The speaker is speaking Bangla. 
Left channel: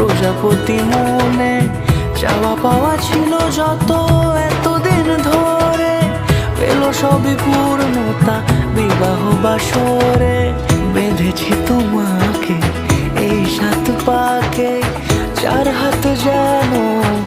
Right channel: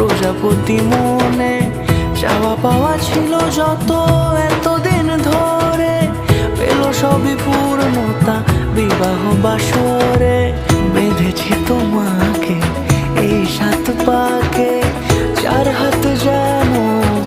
প্রজাপতি মনে চাওয়া পাওয়া ছিল যত এতদিন ধরে, পেল সবই পূর্ণতা বিবাহ বাসরে। বেঁধেছি তোমাকে এই 7 পাকে, 4 হাত যেন